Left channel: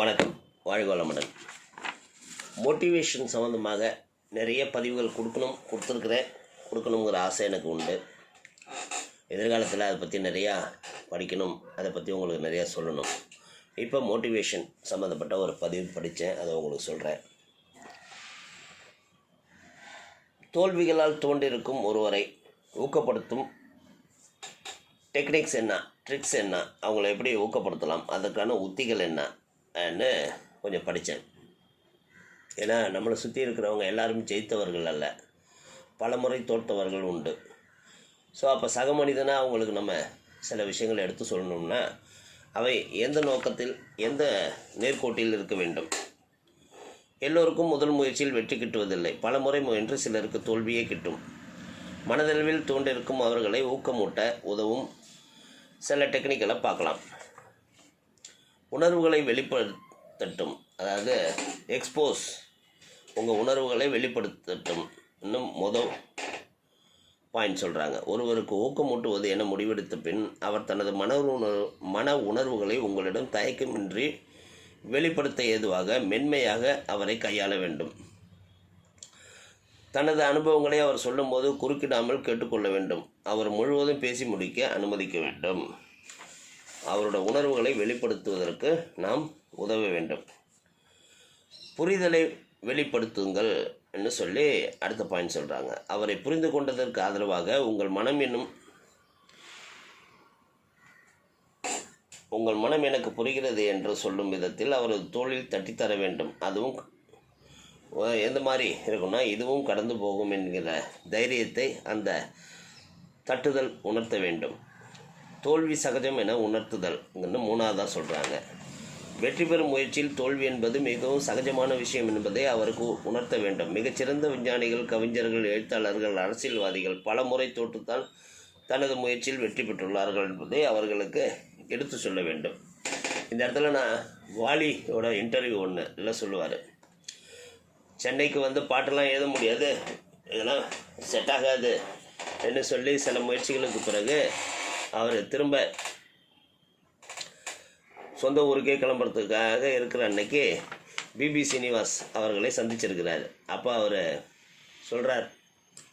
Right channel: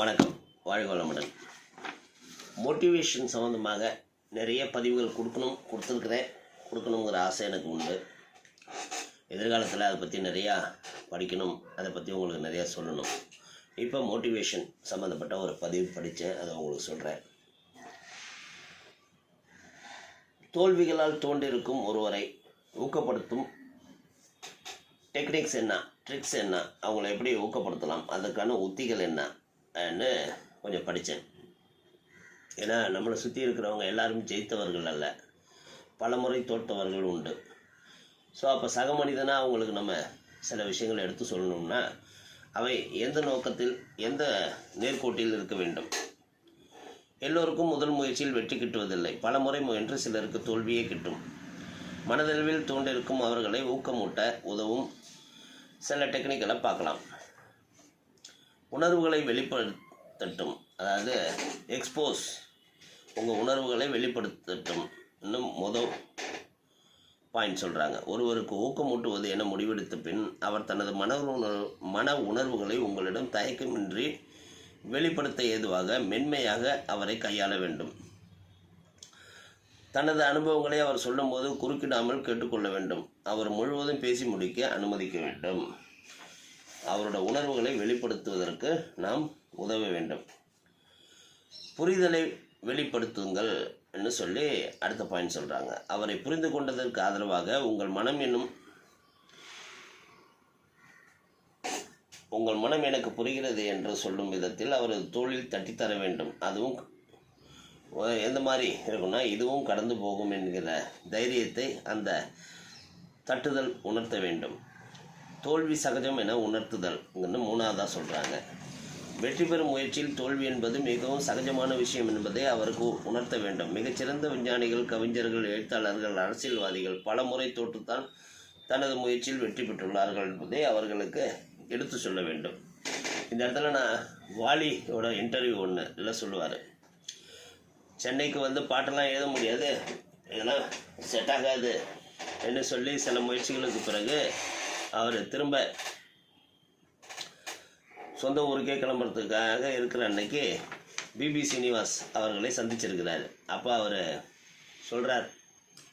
வணக்கம். வாழ்வளமுடன் மோட்டிவேஷன் சம்மந்தமாக நிறைய பதிவுகள் கொடுக்கணும் கொடுத்துருக்குறேன். கொடுக்கணுங்கிற ஆசை எனக்கு உண்டு. எதிர்காலத்தில் அதை பற்றி நிறையா படிக்கணும் அதை பற்றி உங்களுக்கு நிறையா சொல்லணும். இப்போ மோட்டிவேஷன் சம்மந்தப்பட்ட ஒரு பதிவு படித்தேன் அதை உங்களுக்கு சொல்கிறேன் தோல்விகளால் தோன்றிருக்கும் ஒருவரை ஊக்கப்படுத்தும் டெக்னிக்ஸ் என்ன ட்ரிக்ஸ் என்ன அவங்கள எப்படி ஊக்கப்படுத்தலாம் அதுக்கான உத்திகள் என்ன Uh, கொஞ்சம் படித்தேன் ஏன்னா நம்மளை சுற்றி இருக்கிறவங்க எல்லாரும் ஜெயித்தவர்கள் அல்ல. பல முறை தோற்றவர்கள் உண்டு. ஸோ அப்போ சக மனிதனாக அவங்களுக்கு நம்ம சில விஷயங்களை எடுத்து சொல்லணும்னா அவை எந்த நோக்கத்தில் எந்த நேர்கோட்டில் இருக்க வேண்டும்? எல்லோருக்கும் முதல் முயற்சியில் வெற்றி கிட்டுவதில்லை. பல முறை முயன்று சிலருக்கு தோல்வியே கிட்டும். மனதளவில் தோன்றிருக்கும் அவர்களை ஊக்கமூட்ட உதவும் சில டெக்னிக்கலை பார்க்கலாம். உணர்வுகளை வெளிப்படுத்தட்டும். அதாவது எக்ஸ்போஸ் உங்கள் உணர்வுகளை வெளிப்படுத்தட்டும். இன்னும் மொதல் பாயிண்ட் சொல்கிறாங்க ஒருவருக்கு ஊக்கமூட்டுவது என முடிவெடுத்த பின் அவர் தனது மன உணர்வு மன உணர்வுகளை உங்களிடம் தயக்கமின்றி வெளிப்படுத்த ஏதுவாக மென்மையாக அவரை கையாள வேண்டும். தனது அனுபவங்களை அவர் சொல்லும்போது குறுக்கிடாமல் கேட்டுக்கொள்ள வேண்டும். அவர் முழுவதும் பேசி முடிக்க அனுமதிக்க வேண்டும். அவரோட உணர்வுகளை வெளிப்படுத்துவதற்கு நாம் உதவ வேண்டும். புரிதலை வெளிப்படுத்துங்கள் என்று சொல்லி அடுத்த பாயிண்ட் சொல்கிறாங்க அவரை புரிந்து கொண்டதற்கு ஆதரவாக உங்கள் மனம் என்னும் உங்கள் மனம் எனக்கு புரிகிறது என்று சொல்லும் விதத்தில் அவரது தோளில் தட்டித்தர வேண்டும். அதுவும் எந்த மாதிரி இருக்குன்னா இதுவும் கடந்து போகும் என்கிற தைரியத்தை அந்த தட்டுதல் உணர்த்த வேண்டும். தோல்வி சகஜம் என உணர்த்துதல் மூணாவதாக சொல்கிறாங்க வெற்றி பெறும் முயற்சியில் தோல்வி என்பது மிகவும் சகஜமான விஷயம் என்பதை அவருக்கு உணர்த்த வேண்டும். மிகச்சிறந்த விஞ்ஞானிகள் கவிஞர்கள் எழுத்தாளர்கள் அரசியல்வாதிகள் பல முறை தோற்றுத்தான் தனது முயற்சியில் வெற்றி பெற்றுள்ளார்கள் என்பதை அவர்களுக்கு எடுத்து சொல்ல வேண்டும். இந்த இடத்துல நான் வாலியோட இன்டர்வியூ ஒன்று இல்லை சொல்லுவார். சென்னைக்கு வந்து பாட்டெல்லாம் எழுத முடியாது. இதெல்லாம் செட் ஆகாது. என்று சொல்லி சில முயற்சிகளுக்கு பிறகு அவர் திரும்ப சொந்த ஊருக்கே கிளம்புறதுக்காக இருக்கிற அன்னைக்கு பிபி சீனிவாஸ் அவர்களை சந்திச்சிருக்கிறாரு. அப்போ அவர் சொல்கிறார்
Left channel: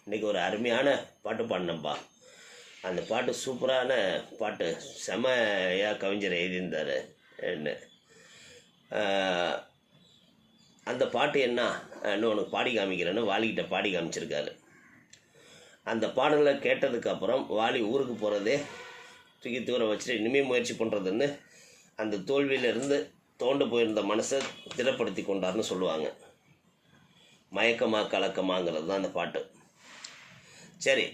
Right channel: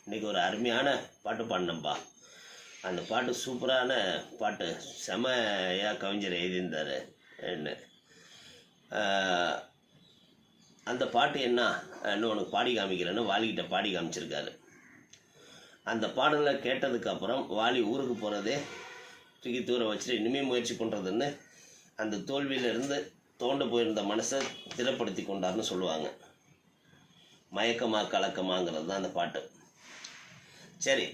இன்னைக்கு ஒரு அருமையான பாட்டு பாடினப்பா அந்த பாட்டு சூப்பரான பாட்டு. செமையாக கவிஞர் எழுதியிருந்தார். என்ன? அந்த பாட்டு என்ன? இன்னும் உனக்கு பாடி காமிக்கிறேன்னு வாலிக்கிட்ட பாடி காமிச்சிருக்காரு. அந்த பாடலை கேட்டதுக்கப்புறம் வாலி ஊருக்கு போகிறதே தூக்கி தூர வச்சுட்டு இனிமேல் முயற்சி பண்ணுறதுன்னு அந்த தோல்வியிலிருந்து தோண்டு போயிருந்த மனசை திடப்படுத்தி கொண்டார்னு சொல்லுவாங்க. மயக்கமா கலக்கமாங்கிறது தான் அந்த பாட்டு. சரி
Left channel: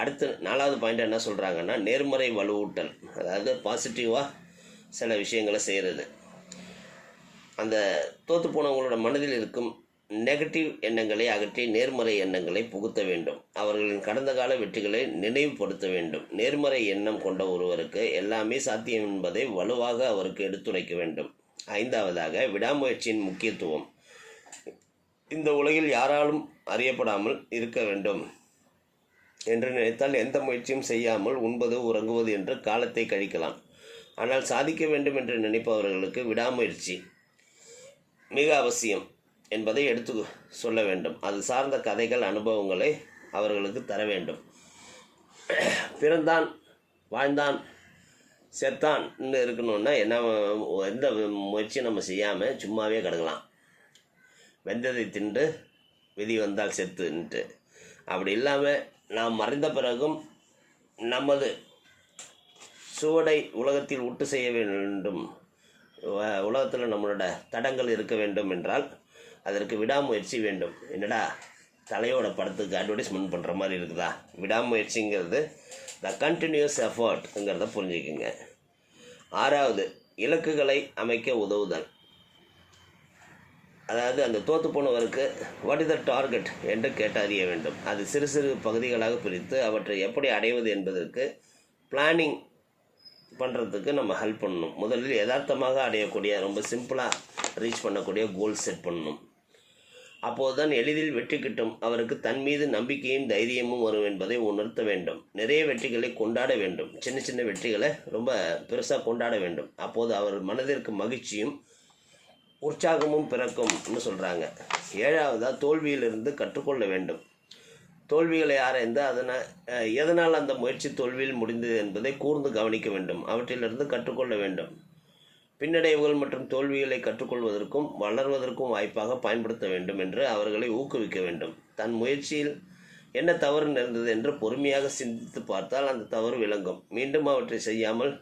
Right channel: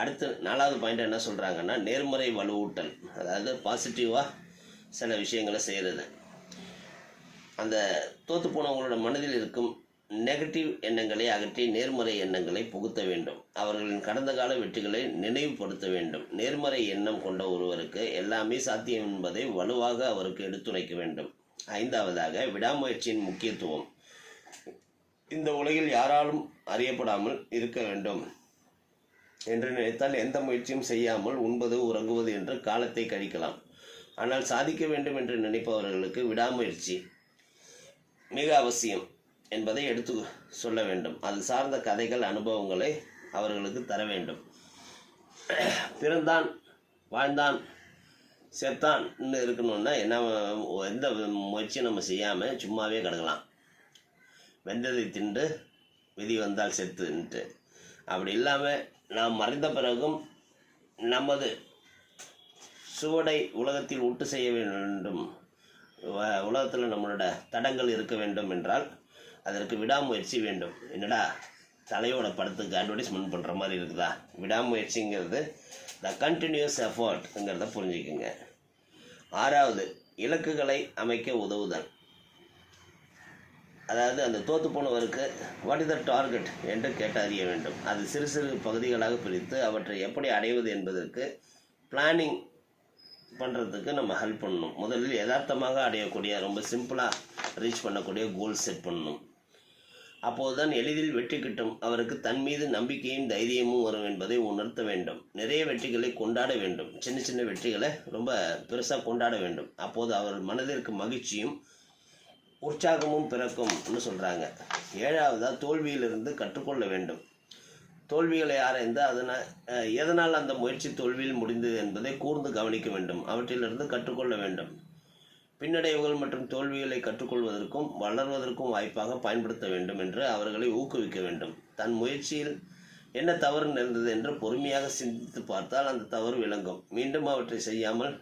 அடுத்து நாலாவது பாயிண்ட் என்ன சொல்கிறாங்கன்னா நேர்மறை வலுவூட்டல். அதாவது பாசிட்டிவாக சில விஷயங்களை செய்கிறது அந்த தோத்து போனவங்களோட மனதில் இருக்கும் நெகட்டிவ் எண்ணங்களை அகற்றி நேர்மறை எண்ணங்களை புகுத்த வேண்டும். அவர்களின் கடந்த கால வெற்றிகளை நினைவுபடுத்த வேண்டும். நேர்மறை எண்ணம் கொண்ட ஒருவருக்கு எல்லாமே சாத்தியம் என்பதை வலுவாக அவருக்கு எடுத்துரைக்க வேண்டும். ஐந்தாவதாக விடாமுயற்சியின் முக்கியத்துவம். இந்த உலகில் யாராலும் அறியப்படாமல் இருக்க வேண்டும் என்று நினைத்தால் எந்த முயற்சியும் செய்யாமல் உண்பது உறங்குவது என்று காலத்தை கழிக்கலாம். ஆனால் சாதிக்க வேண்டும் என்று நினைப்பவர்களுக்கு விடாமுயற்சி மிக அவசியம். என்பதை எடுத்து சொல்ல வேண்டும். அது சார்ந்த கதைகள் அனுபவங்களை அவர்களுக்கு தர வேண்டும். பிறந்தான் வாழ்ந்தான் செத்தான்னு இருக்கணும்னா என்ன எந்த முயற்சியும் நம்ம செய்யாமல் சும்மாவே கிடக்கலாம். வெந்ததை தின்று விதி வந்தால் செத்துன்ட்டு. அப்படி இல்லாமல் நாம் மறைந்த பிறகும் நமது சுவடை உலகத்தில் உட்டு செய்ய வேண்டும். உலகத்தில் நம்மளோட தடங்கள் இருக்க வேண்டும் என்றால் அதற்கு விடாமுயற்சி வேண்டும். என்னடா? தலையோட படத்துக்கு அட்வர்டைஸ்மெண்ட் பண்ணுற மாதிரி இருக்குதா? விடாமுயற்சிங்கிறது த கண்டினியூஸ் எஃபர்ட்ங்கிறத புரிஞ்சுக்குங்க. ஆறாவது இலக்குகளை அமைக்க உதவுதல். அதாவது அந்த தோத்து போனவருக்கு வாட் இஸ் த டார்கெட் என்று கேட்டு அறிய வேண்டும். அது சிறு சிறு பகுதிகளாக பிரித்து அவற்றை எப்படி அடைவது என்பதற்கு பிளானிங் பண்ணுறதுக்கு நம்ம ஹெல்ப் பண்ணணும். முதலில் யதார்த்தமாக அடையக்கூடிய ரொம்ப சிம்பிளாக ரீச் பண்ணக்கூடிய கோல் செட் பண்ணணும். அப்போதுதான் எளிதில் வெற்றி கிட்டும். அவருக்கு தன் மீது நம்பிக்கையும் தைரியமும் வரும் என்பதை உணர்த்த வேண்டும். நிறைய வெற்றிகளை கொண்டாட வேண்டும். சின்ன சின்ன வெற்றிகளை ரொம்ப பெருசாக கொண்டாட வேண்டும். அப்போது அவர் மனதிற்கு மகிழ்ச்சியும் உற்சாகமும் பிறக்கும்னு சொல்கிறாங்க ஏழாவதாக தோல்வியிலிருந்து கற்றுக்கொள்ள வேண்டும். தோல்விகளை ஆராய்ந்து அதனால் எதனால் அந்த முயற்சி தோல்வியில் முடிந்தது என்பதை கூர்ந்து கவனிக்க வேண்டும். அவற்றிலிருந்து கற்றுக்கொள்ள வேண்டும். பின்னடைவுகள் மற்றும் தோல்விகளை கற்றுக்கொள்வதற்கும் வளர்வதற்கும் வாய்ப்பாக பயன்படுத்த வேண்டும் என்று அவர்களை ஊக்குவிக்க வேண்டும். தன் முயற்சியில் என்ன தவறு நேர்ந்தது என்று பொறுமையாக சிந்தித்து பார்த்தால் அந்த தவறு விளங்கும். மீண்டும் அவற்றை செய்யாமல்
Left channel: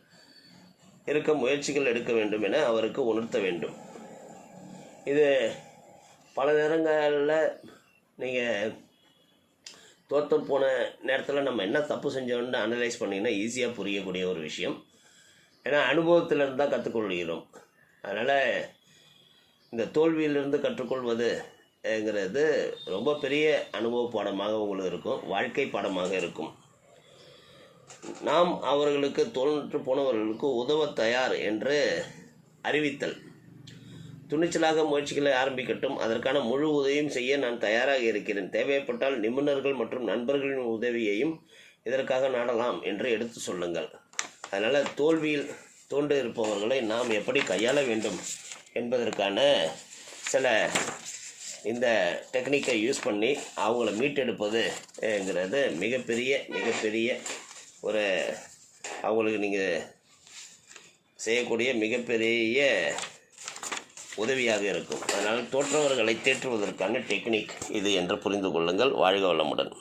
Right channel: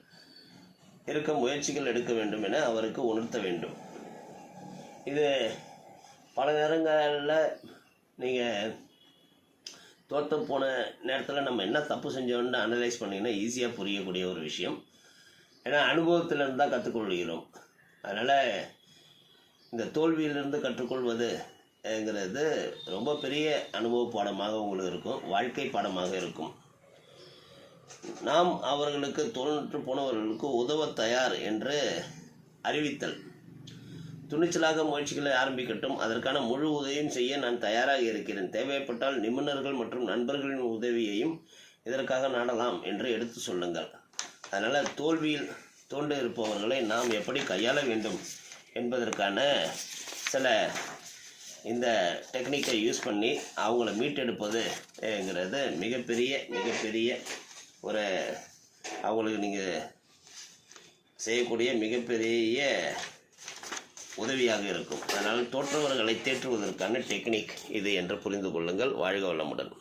இருக்க முயற்சிகள் எடுக்க வேண்டும் என அவருக்கு உணர்த்த வேண்டும். இது பல நேரங்களில் நீங்கள் தோற்று போன நேரத்தில் நம்ம என்ன தப்பு செஞ்சோம்னு அனலைஸ் பண்ணிங்கன்னா ஈஸியாக புரியக்கூடிய ஒரு விஷயம். ஏன்னா அனுபவத்திலிருந்து தான் கற்றுக்கொள்கிறோம். அதனால் இந்த தோல்வியிலிருந்து கற்றுக்கொள்வது ங்கிறது ரொம்ப பெரிய அனுபவ பாடமாக உங்களுக்கு இருக்கும் வாழ்க்கை பாடமாக இருக்கும். நாம் அவர்களுக்கு தோன்று போனவர்களுக்கு உதவ தயார் என்று அறிவித்தல். துணிச்சலாக முயற்சிகளை ஆரம்பிக்கட்டும் அதற்கான முழு உதவியும் செய்ய நான் தயாராக இருக்கிறேன். தேவைப்பட்டால் நிபுணர்கள் மற்றும் நண்பர்களின் உதவியையும் இதற்காக நாடலாம் என்று எடுத்து சொல்லுங்கள். அதனால் தோல்வியில் தோன்று இருப்பவர்களை நாம் எப்படி கையாள வேண்டும் என்பதற்கான சில இந்த டெக்னிக்கை யூஸ் பண்ணி அவங்கள மீட்டெடுப்பதுங்கிறது மிகப்பெரிய மிகப்பெரிய ஒரு அவங்களுக்கு நீங்கள் செய்யக்கூடிய மிகப்பெரிய உதவியாக இருக்கும். அதனால் தோற்றவர்களை தேற்றுவதற்கான டெக்னிக் இது என்று புரிந்து கொள்ளுங்கள். வாழ்க வளமுடன்.